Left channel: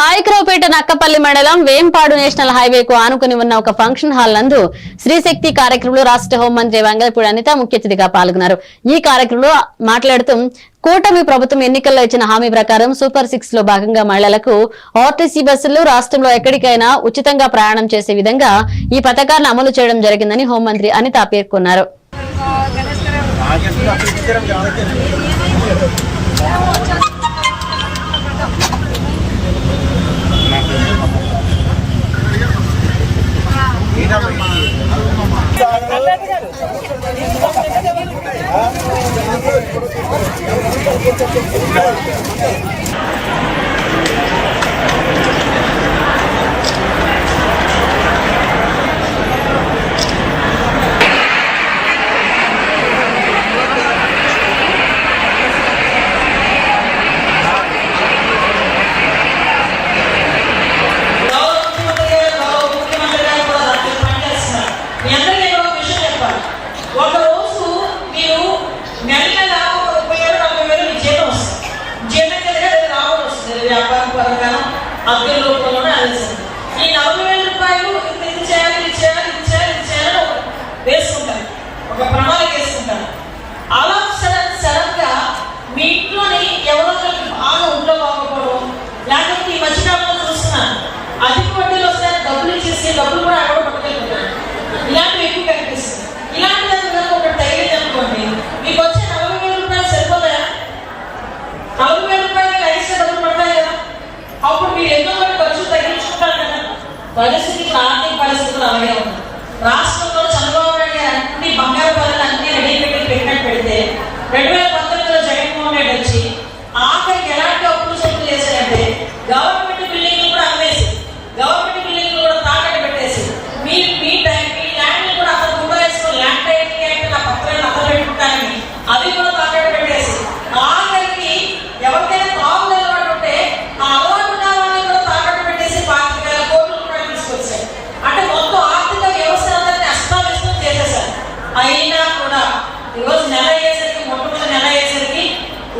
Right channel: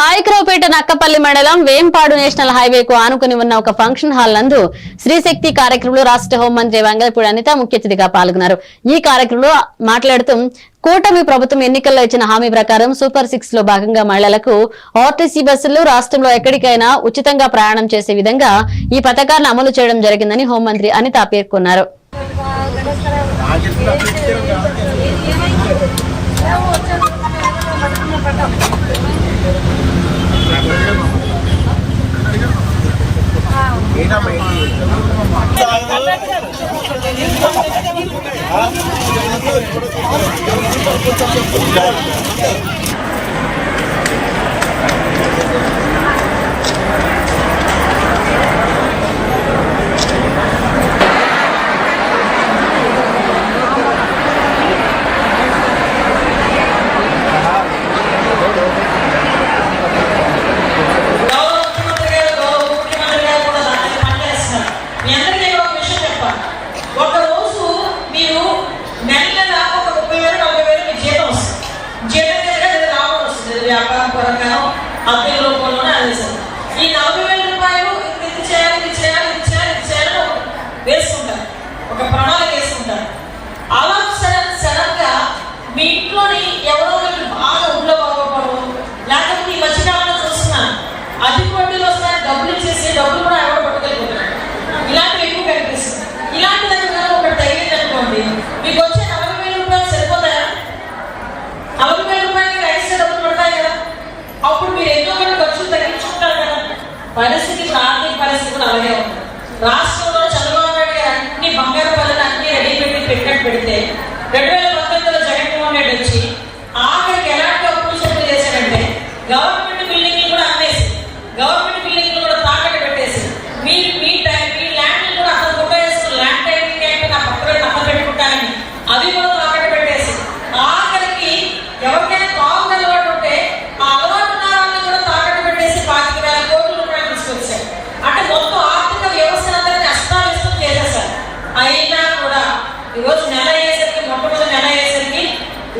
పాయకరావుపేట నక్కపల్లి మండలం వేంపాడు నేషనల్ హైవేకు ఆనుకుని ఉన్న ఒక ఫంక్షన్ హాల్ నందు శ్రీశక్తి కార్యక్రమంలో రాష్ట్ర హోంమంత్రి వంగలపూడి అనిత ముఖ్య అతిథిగా పాల్గొన్నారు. ఈ కార్యక్రమంలో మాట్లాడుతూ కూటమి ప్రభుత్వం ఎన్నికల్లో ఇచ్చిన హామీ ప్రకారం సూపర్ 6 లో భాగంగా మహిళలకు ఆర్టీసీ బస్సులు రాష్ట్రంలో ఎక్కడికైనా ఉచితంగా ప్రయాణం చేసే విధంగా ఈ పథకాన్ని అమలు చేయడం జరిగిందని హోంమంత్రి అనిత పేర్కొన్నారు. వ్యాపారం పరంగా అదే రూపంలోనే అందిస్తాం. ఈ 40,000 రూపాయలు ఇది చేయాలి వేసుకుంటారు, ఒక ప్రణాళిక వేసుకుంటారు. అలా సడన్ గా మీ ఇంట్లోని ఎవరో బాగా ఊళ్ళో బాగుపడదు, లేకపోతే ఈ మధ్యకాలంలో చూస్తున్నాను అధిక వడ్డీలు వస్తాయని డబ్బులు ఇచ్చేసి డబ్బులు కూడా ఎవరో పట్టుకెళ్ళిపోతున్నారు. ఇలాంటివి ఎక్కువ కనిపిస్తుంది. ఇలాంటి దగ్గర ఒకటి తగిలింది అనుకోండి, మీకు వచ్చే 40,000 రూపాయలు సరిపోతాయా? 40,000 రూపాయలు ఎక్స్ట్రా డబ్బులు ఉన్నాయి కదా, అప్పుడు మీరు ఎన్నో కొన్ని ఖర్చులు తగ్గించుకుంటారు కదా. ఆర్థిక పరిస్థితులు అలాగే ఉంది.